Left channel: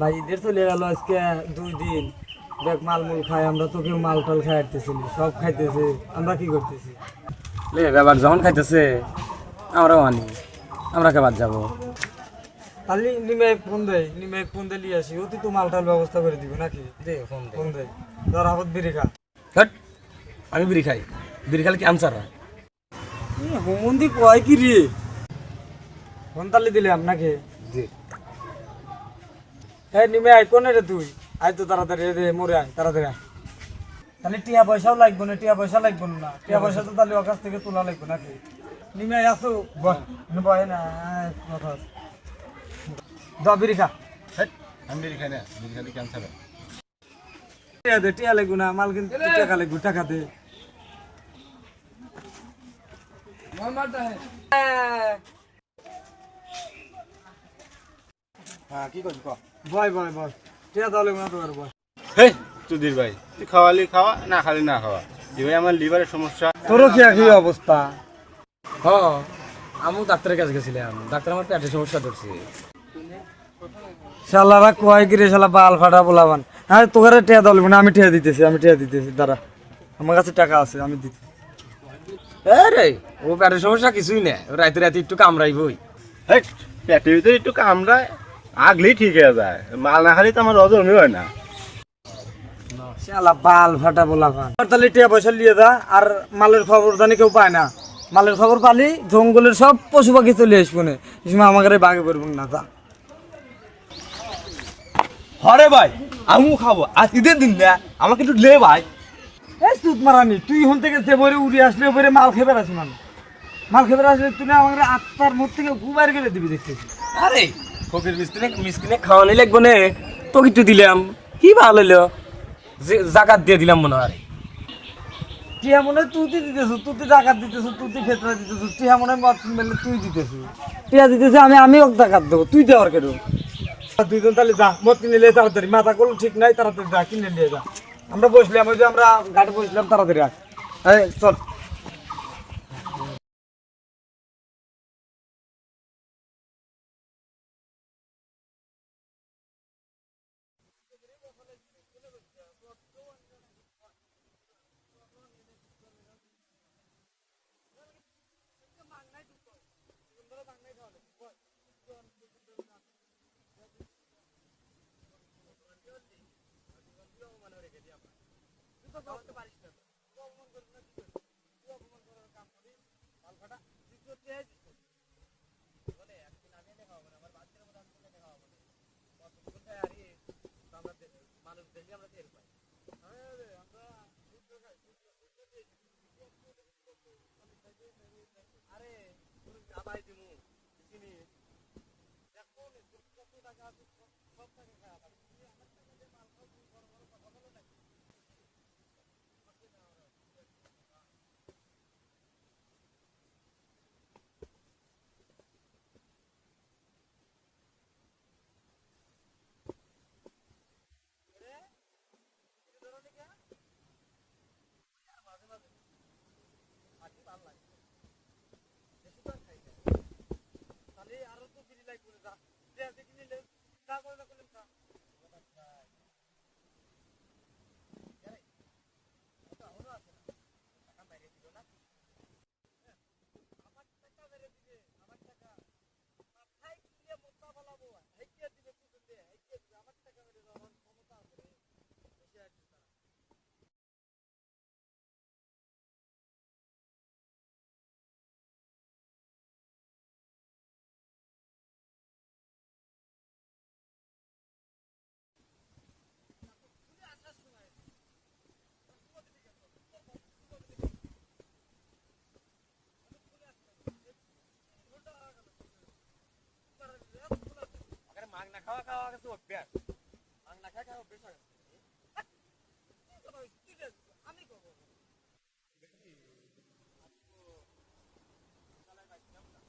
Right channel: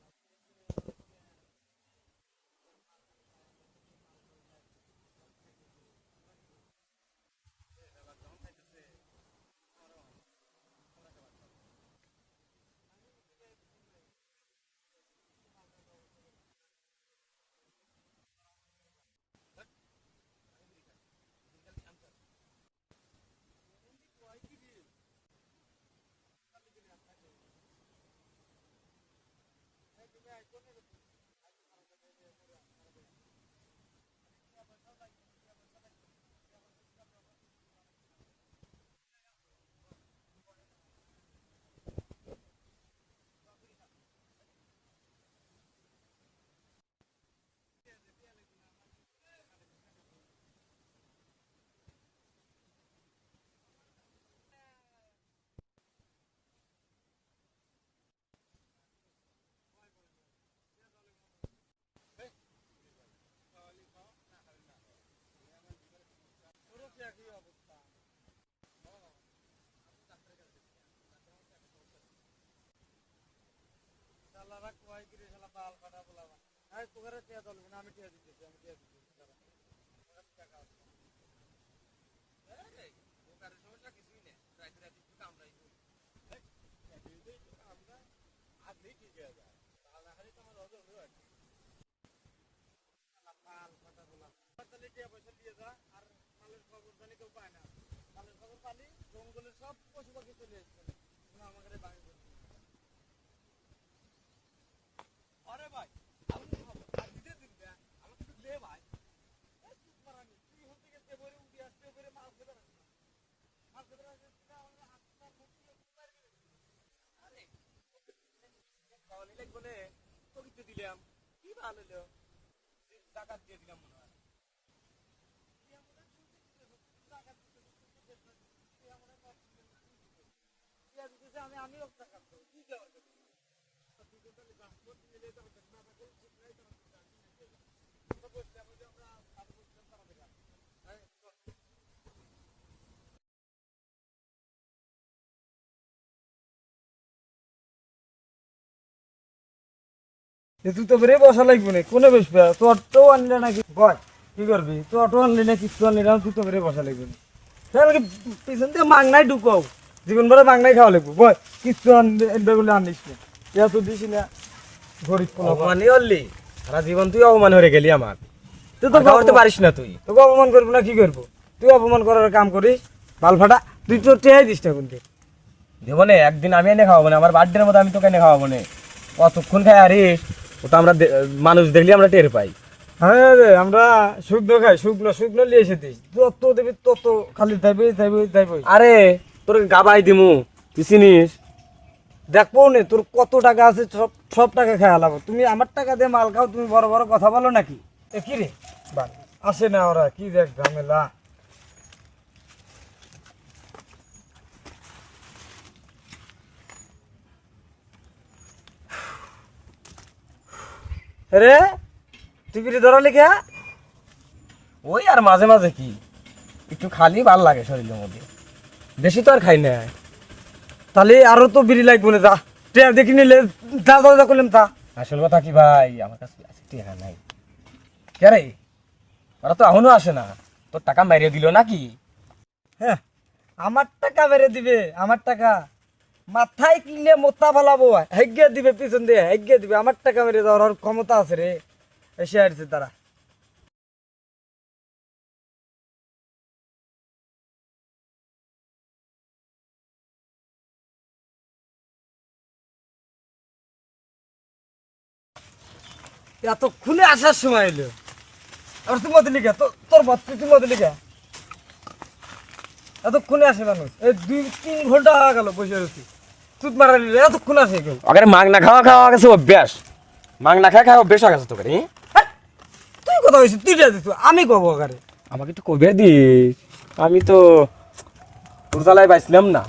ভাই ঈদের চলে গেল আজকে 2 দিন। দেখ মালমূল খাই আমরা, তো কেউ মাল টাল খাই আসতেছিলি, সব খাইতেছে, আমরা কি করতেছি? লে ব্যাপার যখন খাইতেছে আমরাও আনি, আমরা কে বাদ যাবো? খালি নিমে ফোন দে লিয়ে আসি, অতি তো মাল টাল ব্যবস্থা করে দিব নাকি? দে ফোন দে ধর হাবত বিড়ি খা। হট, আমি বিড়ি খাই, বিড়ি খালে ক্যান্সার হয়। হুমন্দি কয় কি রে? ফোন তালি দিলাম নাকি? জি হ্যাঁ নিমে আয়, কোনে রে তুই? আয় তো তাড়াতাড়ি রে, মরে আয় তাড়াতাড়ি আয়। তাহলে টিয়া পয়সাও লাগবে না, টিয়া পয়সা লাগবে না, টিয়া পয়সা তো তাহলে ওর কাছ থেকে তোলা লাগবে নাকি? নিমে আয় আসো, বয় না কথা আছে। দাও বিড়ি খা। হট, আমি বিড়ি খাই না, বিড়ি খালে ক্যান্সার হয়। টিয়া দে, টিয়া লাগবে না, মাল কিন্তু টাকা লাগবে, টাকা দে। হ্যাঁ কি করবি ক? বয় টিয়া দাও লাগবে না তোমার, বয়। হেই সুধীর ভাই, তুই খাওয়ালি খাওয়া, না খালি না খাওয়া। এই ভাই আমার লিভারের সমস্যা। তোরও কি একই অবস্থা? হ, আমি ডাক্তারের কাছে গেছিলাম, ডাক্তার আমার পেটের সমস্যা ধরছে। শালারা কয় কি রে, শালা বাল ফাটা বলাবান। হ্যাঁ তোকে টিয়া দাও লাগবে না, আমি টিয়া দিতেছি, দাঁড়া, আমার কাছে টাকা আছে, আমি দিতেছি। রে ও পেটের সমস্যা কিছুই না, রাতে রাতে একটু কামড়াইবই। হেই, পেটের ভিতরে একটু কামড়ায়, আগলেই ঠিক হয়ে যায়। মাল না খালি তো আমার হজমই হয় না। শালা বাল ফাটা বলাবান। তাহলে টিয়া পয়সা নিয়ে যা, আর মালের খবর জানি কেউ পায় না। মালের খবর পালি জঙ্গলের সব পশু পাখি চলে আসবো না, এই সময় আমাকে বাগে পড়বো না, যা। হরে ভাই, আমিও খাবো। আর ঈদের দিন না, আমাকে একটু লে ভাই। এই সুত মারানি, তুই হন থেকে যে বরে উড়ে আসলে বরে মাল খেয়ে আসি মানে, মাল খেয়ে আসলে তুই না আমাকে আত্মার মুখ থেকে গুবার করে দিবি দেখতেছি। আরে ফকির মিসকিনে খাওয়ানি লাগবো নে, তো কিছু দিলাম, কি ভালো হইলো, জাকাত দিয়ে দিলাম মনে হয়। টিয়া মনে হয় তুই দিতেছ, তুই টাকা দিতেছ, তুই ক্ষেত্রে দিতেছ, টিয়া মনে হয় মদ কিনবে তুই দিতেছ, টিয়া দিতেছে আমি ওকে টাকা দেবো, তুই দেওয়ার কেন? দুইজন তাহলে যা, মদ কিনে নিয়ে তাড়াতাড়ি, মাথা কোনো ঠিক নাই, তাড়াতাড়ি যা কিনে নিয়ে যা। আমরা বসলাম, ওই যে আমরা ঘাটে বসলাম, তাড়াতাড়ি আয়। এই চল। তুই তো বেরে বসা লাগবে না, কোনে বসবে? তো অটো আনলে নাকি বয়, কি করবি? তুই অটো আনলি না, কিছু আনলি না, তুই তো বেরে বসা লাগবে না। তাহলে পিছন দিয়ে মাংনাই ঢুকাও, জীবন ভরে মাংনাই খাওয়া লাগবে, বয় কিছু আনবে বলে আনিস না, ইয়া তো দিস না, গরিব পোলা। অপমানই হলি, সারা জীবন তুই অপমান হয়ে গেলি আমার, তুই তো করতে পারিস না তুই। তোকে অপমান করবো না, কি করবো? তুই অপমান করার কাম করিস, বাল ফাটা। তুই তো টেহাই দিস না কিন্তু। দেবো নে, একদিন আমি এনে খাওয়াবো না, আমার বার্থডের মধ্যে আমি তোকে এনে খাওয়াবো না। কতক্ষণ খাই আরে, ওটা আমরা মানুষ দেখলি আমরা টের পাই। হ্যাঁ রে, আমরা শুকনো খাই, শুকনো লিয়ে এসে দিস, যত দেবি তত খালি যাইবই। আরে তোর গাবাই দিমু, তুই চিনিস? দেখবো নে তোর কত টাকা আছে, সব টাকা খেয়ে হালাবো। তুমি আমার টাকা দিয়ে মাল খাও, তুমি বড় বড় কথা বলো নাকি? এ কি রে বাল, আসে না ওরা, কি দেখ ঝামেলা। রে তুই বিড়ি ধরালি কে? ওই আর মাঝে মাঝে কি একটু খালি ভাল লাগে শরীরের মধ্যে, বেশি তো আর খাই না। তাহলে আরো তো বিড়ি লাগবে না, যা ট্রেন দেখি নিলে, যা করলাম তা। আসল কথা কি ভাই, আমার কাছে আছে টাকা নাই। কে রে, ওরা তো এখনো আসে না, তোর টাকা মারিয়ে দিল নাকি? হ্যাঁ, আমার টাকা বেড়ে দিবে, আমার টাকা মাথায় কিনলে মোতা ফালাবো, হেগে দিবে, পিছন দিয়ে হেগে দিবে, আমার টাকা মেরে দেওয়ার ক্ষমতা আছে রে, এসে আসছে তারা। এতক্ষণে আসার সময় এলো, আর তুই মতো লিখা, তোর বাচ্চা তুই মতো লিখা, এতক্ষণে আসে মানুষ, এই 2-3 ঘন্টা হয়ে গেল বসে রয়েছি, তুই মারা নিলে এতক্ষণ আসে কেউ? ওখানে মাগ না খাওয়া গেছে অভ্যাস, মাগ না খাওয়া অভ্যাস হয়ে গেছে তোকে। তুই কথা হয়েছিস, তুই দিত, আমি কব আকারে? আমাকে একটু কবে দিস, আমি তো তোর জ্বালায় পাইছিলাম না।